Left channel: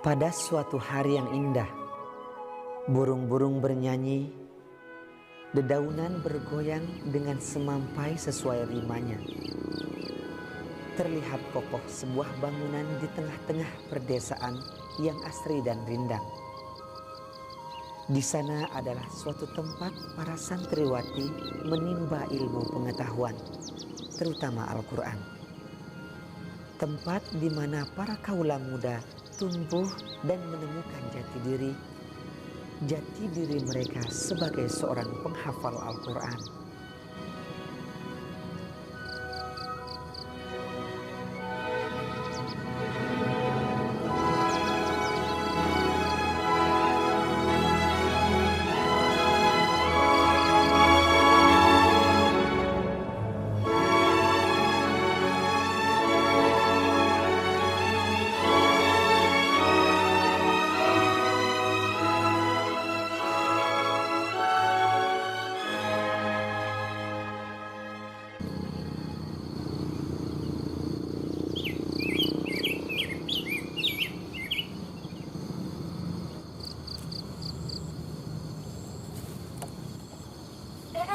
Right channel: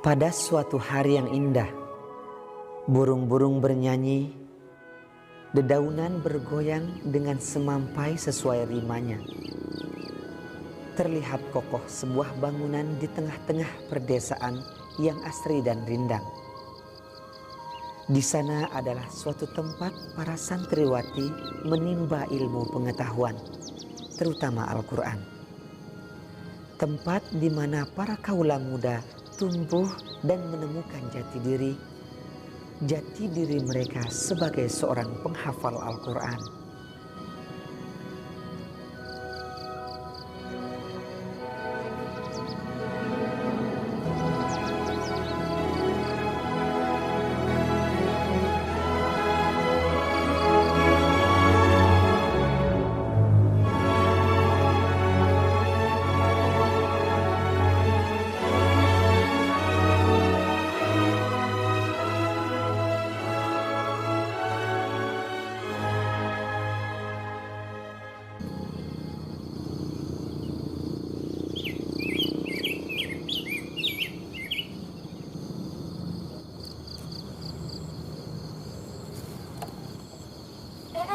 Pada suatu hari yang indah, burung-burung bernyanyi, dedaunan bergoyang dengan semampai sesuai rimanya. Terlihat kokoh sebuah bangunan di tengah-tengah perdesaan yang asri dan rindang. Di sana adalah suatu tempat para santriwati menimba ilmu pengetahuan, terutama Al-Quran. Tempat di mana para kaula muda tumbuh dan menemukan jati diri mereka sebagai seorang penghafal Al-Quran.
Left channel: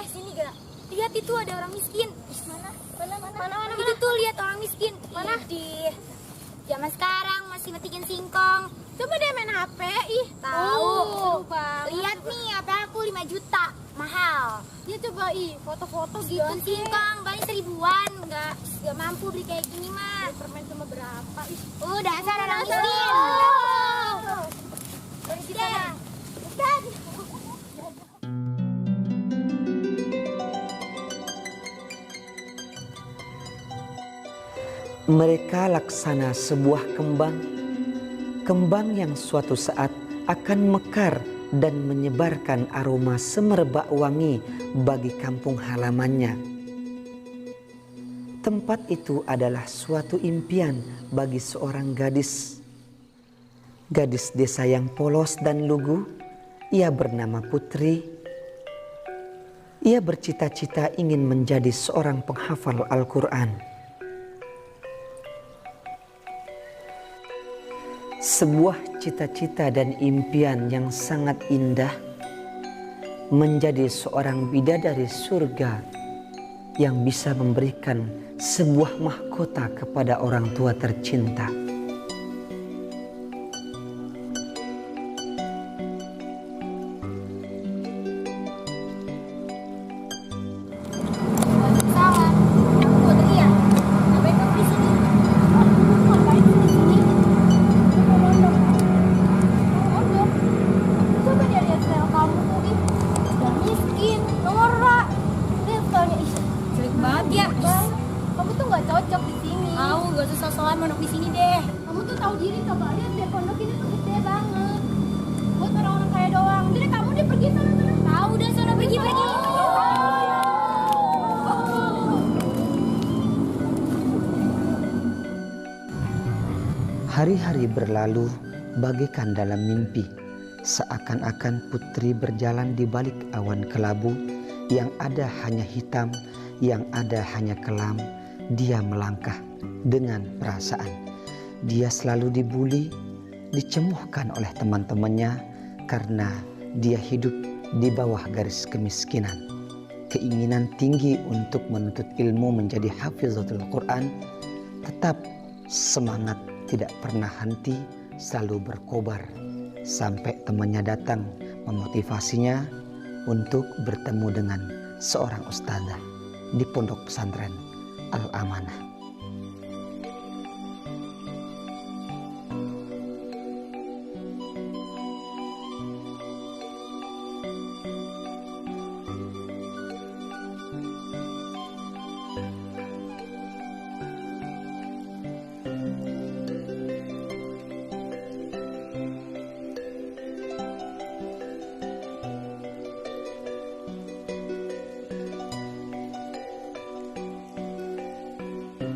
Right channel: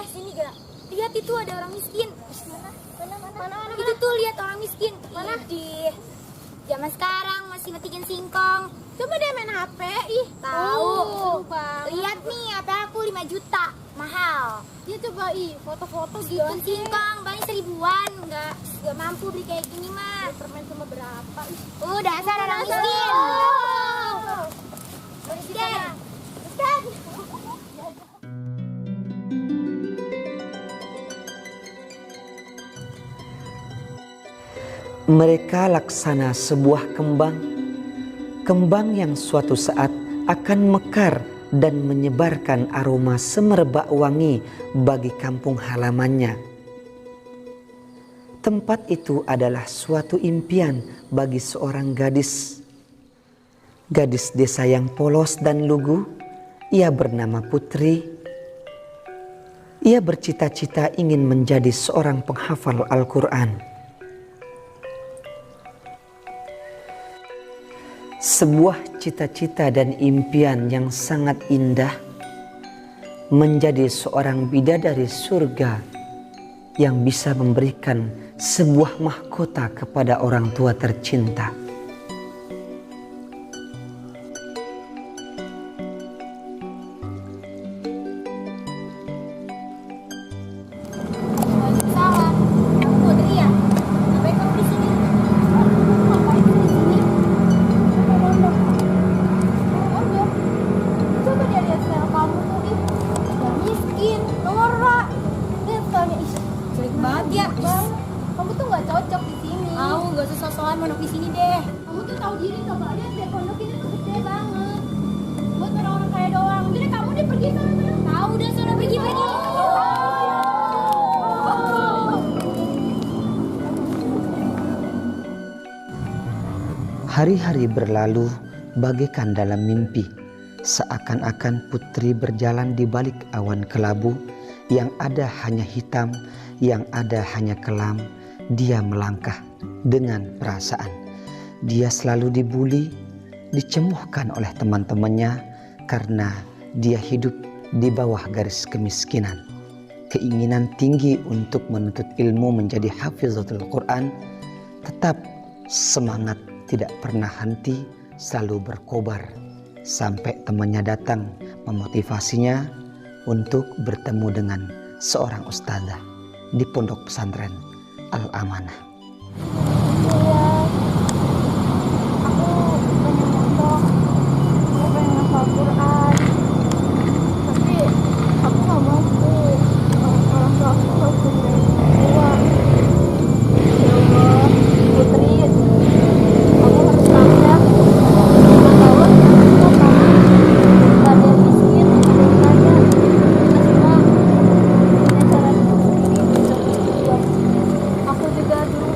Sini gak? Lihat itu ada orang miskin. Mana? Itu tuh lihat orang miskin. Mana? Di zaman sekarang masih metikin singkong. Coba deh main HP. Ih, Tahu. seru banget. Lihat nih, HP aku 5 juta. Mahal. Ya coba foto-foto gitu Daun singkong paling 1000-an. Gak mampu beli kayak gini mah. Permen cuma berapa? Ih. Dasar orang miskin. Miskin. Mereka laksana sebuah kembang yang suatu saat akan mekar dan menyebarkan aroma semerbak wangi bagi kampung halamannya. Tempat itu adalah suatu impian bagi seorang gadis desa yang polos dan lugu. Ia bernama Putri. Ia bercita-cita ingin menjadi seorang penghafal Al-Quran. Sebuah cita-cita dan impian yang sangat indah, menjadi seorang bidadari surga yang bisa memberikan sebuah mahkota kepada orang tua tercinta. Salah. Kamu Putri ya? Ngapain kamu di sini? Coba dia lihat style kamu tuh, ih, udah miskin, norak. Lihat stylenya, ih, Jelek banget ya. kamu tuh nggak cocok di sini. Gak usah sosokan mondok di sini deh. Kamu tuh tahu diri, coba lihat deh pondok ini tuh gede banget. Buat orang-orang kaya doang. Jadi kamu dia pergi sana. Tahu udah sana pergi. Hari-hari berlalu bagaikan dalam mimpi. Seakan-akan Putri berjalan di balik awan kelabu, yang ada hanya hitam, yang ada hanya kelam. Dia melangkah dengan perasaan. Dia selalu dibuli, dicemuhkan oleh teman-temannya karena dia hidup di bawah garis kemiskinan. Keinginan tinggi untuk menuntut ilmu menjadi hafizatul Quran, tetap semangat tidak pernah henti, selalu berkobar. Sampai temannya datang memotivasinya untuk bertemu dengan seorang ustazah di pondok pesantren Al-Amanah. Aku juga dulu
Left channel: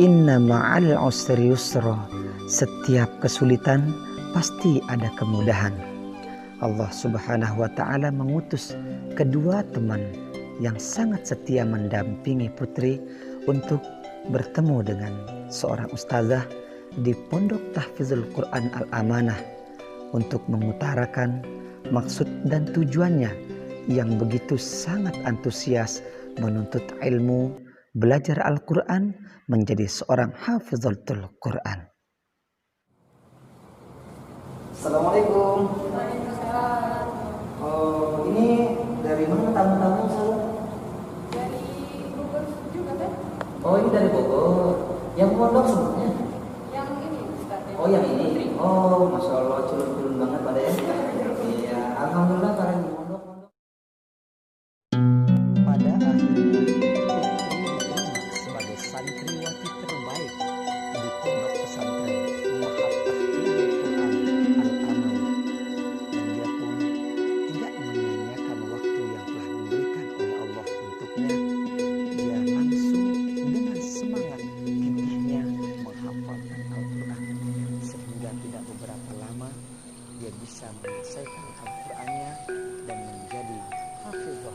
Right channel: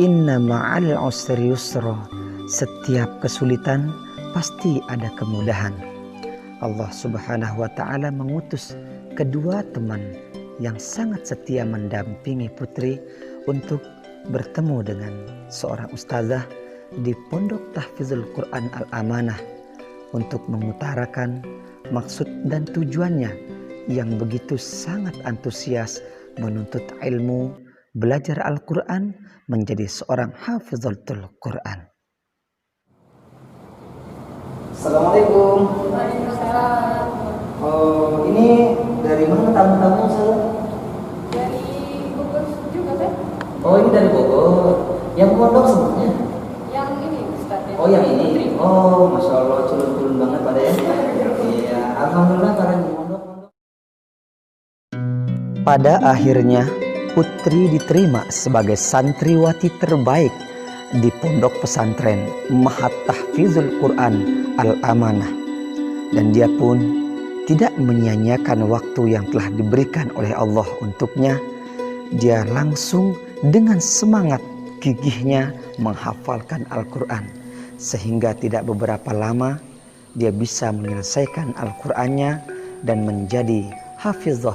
Inna ma'al usri yusra. Setiap kesulitan pasti ada kemudahan. Allah Subhanahu wa Ta'ala mengutus kedua teman yang sangat setia mendampingi putri untuk bertemu dengan seorang ustazah di Pondok Tahfizul Quran Al-Amanah untuk mengutarakan maksud dan tujuannya yang begitu sangat antusias menuntut ilmu, belajar Al-Quran, menjadi seorang hafizatul Quran. Assalamualaikum. Waalaikumsalam. Oh, ini dari mana tamu-tamu saya? Dari Bogor juga kan? Oh, ini dari Bogor. Yang pondok semuanya? Yang ini Ustaz. Oh, yang ini. Oh, masya Allah, culun-culun banget pada ya. Iya, alhamdulillah kalian di pondok. Pada akhirnya putri diterima sebagai santriwati terbaik di pondok pesantren Mahat Tahfizul Quran Al-Amanah, dan dia pun tidak menyia-nyiakan waktu yang telah diberikan oleh Allah untuknya. Dia langsung dengan semangat gigihnya menghafalkan Al-Quran, sehingga tidak beberapa lama dia bisa menyelesaikan Al-Qurannya dan menjadi hafizah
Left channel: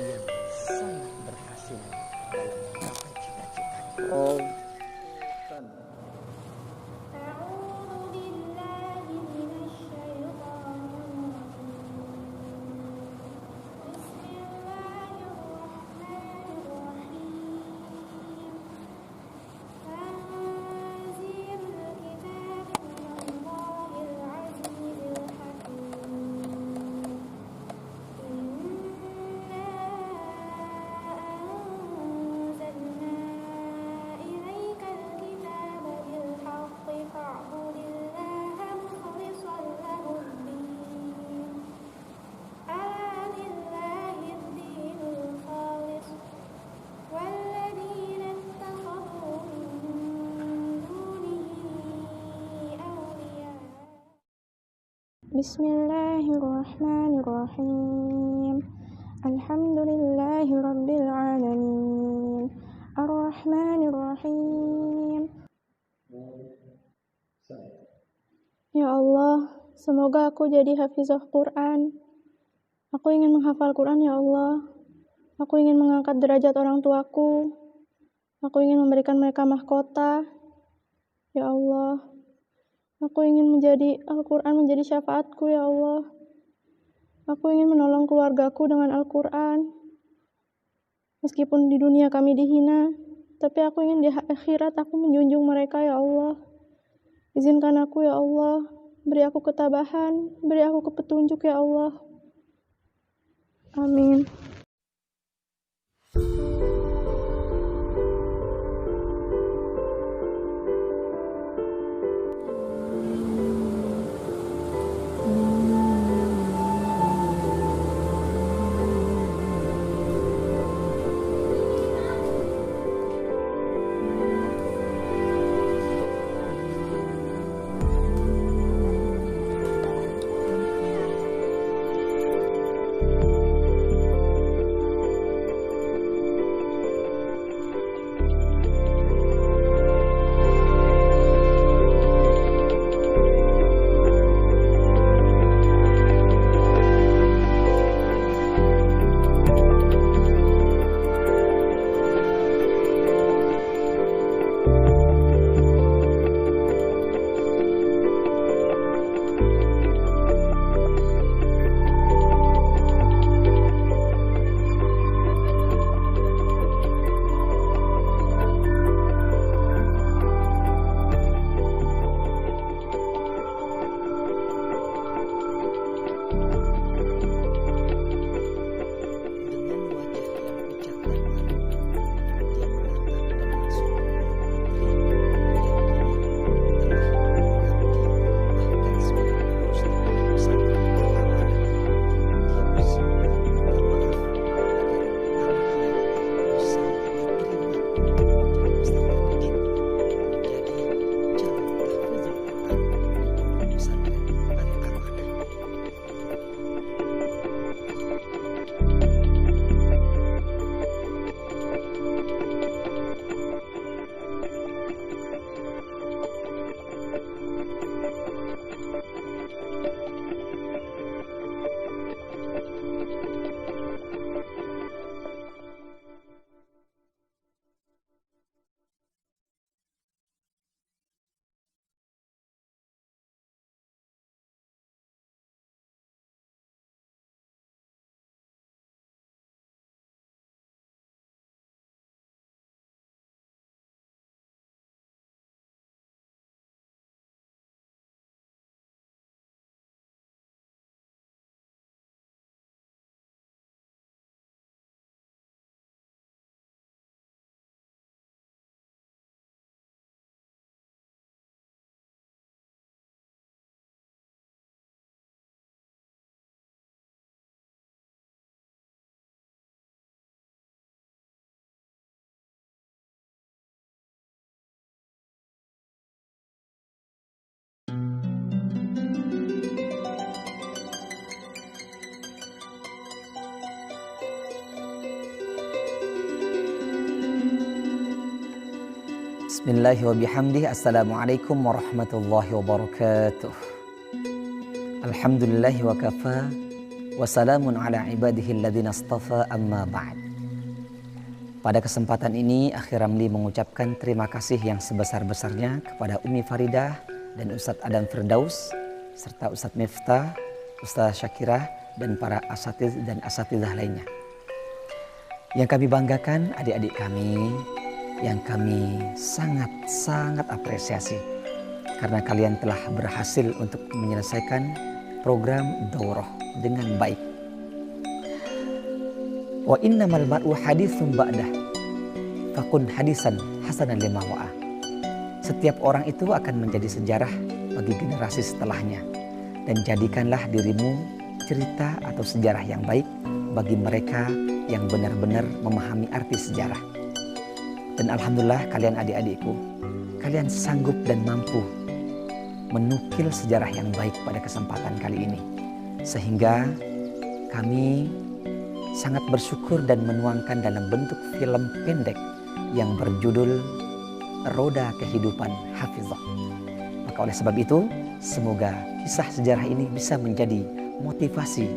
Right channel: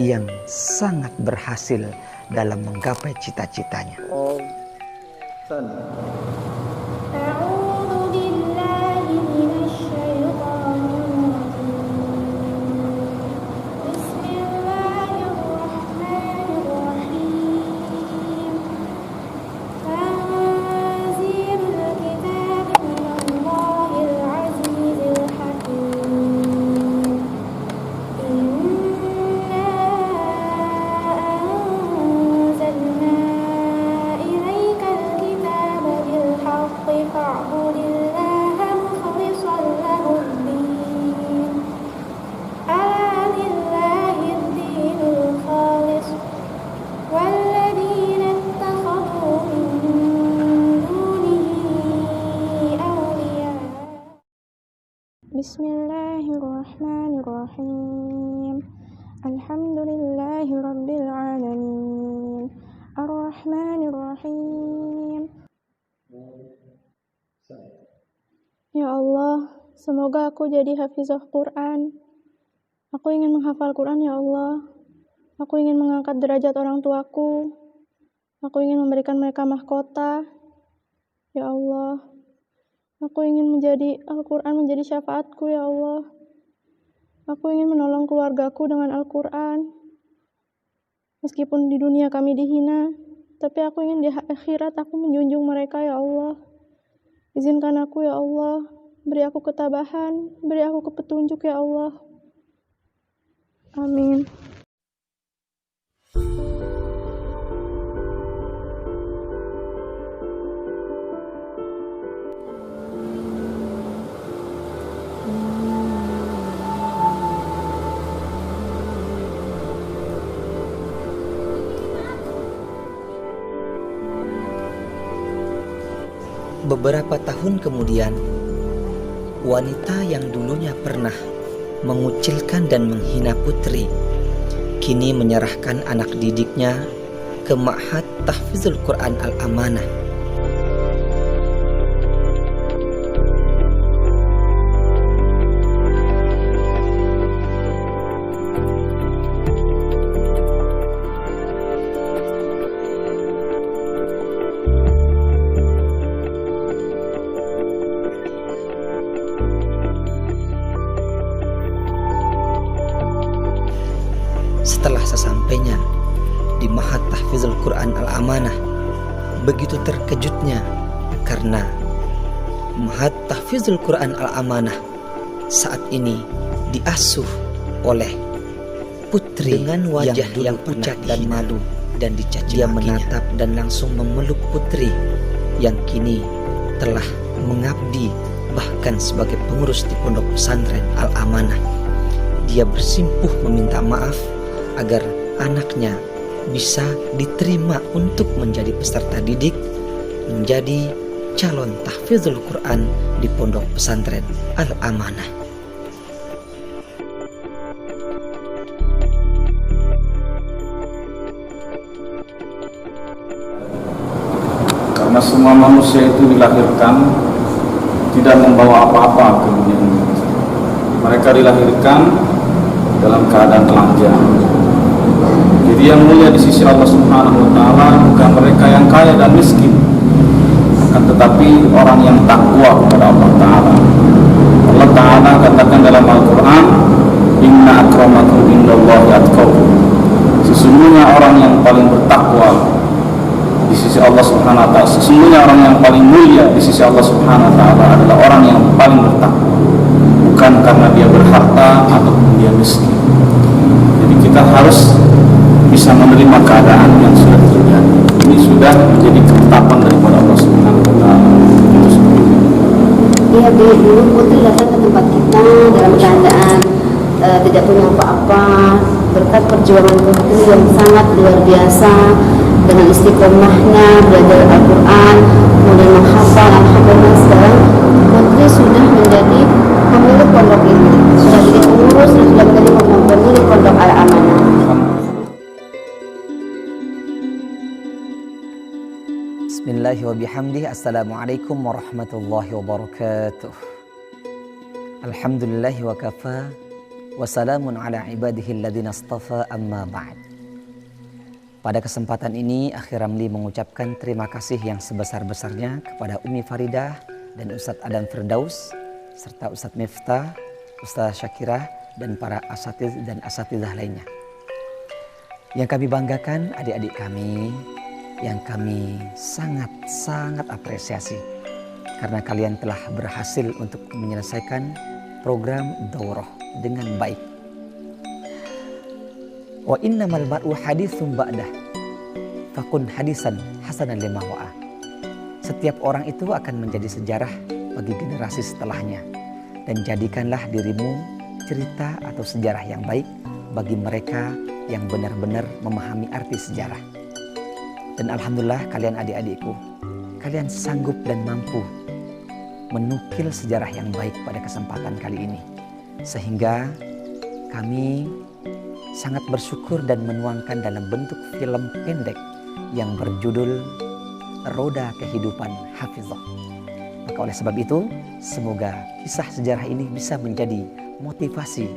yang sangat berhasil dalam menggapai cita-citanya. A'udzu billahi minasyaitonir rajim. Bismillahirrahmanirrahim. Tanzilul kitabi minallahil azizil hakim. Inna anzalna ilaikal kitaba bil haqqi fa'budillaha mukhlishan lahud-din. Ala lillahid dinul khalis walladzina ittakhadhu min dunihi awliya. Bismillahirrahmanirrahim. Alhamdulillahi rabbil alamin. Ar-Rahmanir-Rahim. Ya Allah, semoga aku jadi hafizah Quran. Aku ingin menghafal Quran ya Allah. Aku ingin mengangkat derajat orang tuaku. Aku ingin memberikan mereka mahkota. Ya Allah, aku ingin menjadi Al-Quran menjadi syafaatku ya Allah. Aku ingin menolong keluargaku dengan Al-Quran. Meskipun di dunia kami dihina, tapi aku ingin di akhirat aku menjunjung mereka ya Allah. Izinkan aku ya Allah, beri aku ketabahan, beri aku petunjuk ya Allah. Amin. Beberapa tahun kemudian, wanita yang dulunya pernah mengucilkan dan menghina putri, kini menyerahkan anak didiknya ke Ma'had Tahfizul Quran Al-Amanah. Setelah sesampainya di Ma'had Tahfizul Quran Al-Amanah, begitu terkejutnya karena Ma'had Tahfizul Quran Al-Amanah saat ini diasuh oleh putri dengan wajah yang pucat dan malu dan dicaci. Dia menatap dan langsung memeluk putri yang kini telah mengabdi bahkan sebagai pengurus di pondok pesantren Al-Amanah. Dia bersimpuh meminta maaf agar anaknya bisa diterima untuk menjadi peserta didik, menjadi calon tahfizul Quran di pondok pesantren Al-Amanah. semua manusia itu dilahirkan tidak membawa apa-apa ke dunia ini. Mereka dilahirkan dalam keadaan telanjang. Jadi yang mulia di sisi Allah Subhanahu wa taala bukan mereka yang kaya dan miskin, akan tetapi orang yang takwa kepada Allah taala. Allah taala katakan dalam Al-Qur'an, "Inna akramakum indallahi atqakum." Sesungguhnya orang yang paling bertakwa di sisi Allah Subhanahu wa taala, sesungguhnya orang yang paling mulia di sisi Allah Subhanahu wa taala adalah orang yang paling bertakwa, bukan karena dia berharta ataupun dia miskin. Jadi kita harus bisa menerima keadaan yang sudah terjadi. Ini sudah menjadi ketetapan daripada Allah Subhanahu wa taala. Itu seperti itu. Iya, dulu Putri datang ke tempat kita dalam keadaan tidak punya apa-apa, berkat perjuangan Putri yang sangat luar biasa dengan istiqomahnya belajar Al-Quran, kemudian menghafal. Alhamdulillah sekarang Putri sudah menjadi pemilik pondok ini, sudah jadi pengurus dan sudah menjadi pemilik pondok Al-Amanah. Bismillahi wa bihamdihi. Assalamualaikum warahmatullahi wabarakatuh. Alhamdulillahi wa kafa wa salamun ala ibadihi alladhina astafa, amma ba'd. Pada kesempatan ini Akhi Ramli mengucapkan terima kasih yang sebesar-besarnya kepada Umi Faridah dan Ustadz Adam Firdaus serta Ustadz Miftah, Ustadz Syakirah dan para asatiz dan asatidzah lainnya. Yang kami banggakan adik-adik kami yang kami sangat apresiasi karena kalian telah berhasil untuk menyelesaikan program daurah dengan baik. Wa innamal mar'u haditsun ba'dah fakun hadisan hasanan lima wa'a. Setiap orang itu akan menjadi sejarah bagi generasi setelahnya, dan jadikanlah dirimu cerita atau sejarah yang baik bagi mereka yang benar-benar memahami arti sejarah. Dan alhamdulillah kalian adik-adikku, kalian sanggup dan mampu menukil sejarah yang baik pada kesempatan kali ini. Sehingga kami sangat bersyukur dan menuangkan dalam bentuk film pendek yang berjudul Roda Kehidupan Hafizah. Maka oleh sebab itu, semoga kisah sejarah ini bisa menjadi motivasi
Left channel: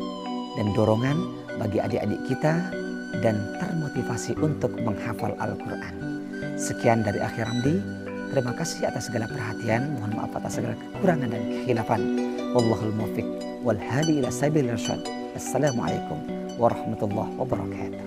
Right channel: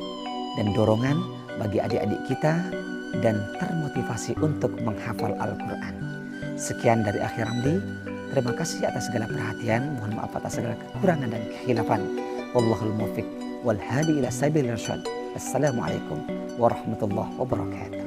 dan dorongan bagi adik-adik kita dan termotivasi untuk menghafal Al-Quran. Sekian dari Akhi Ramli. Terima kasih atas segala perhatian. Mohon maaf atas segala kekurangan dan kekhilafan. Wallahul muwaffiq wal hadi ila sabilir rasyad. Assalamualaikum warahmatullahi wabarakatuh.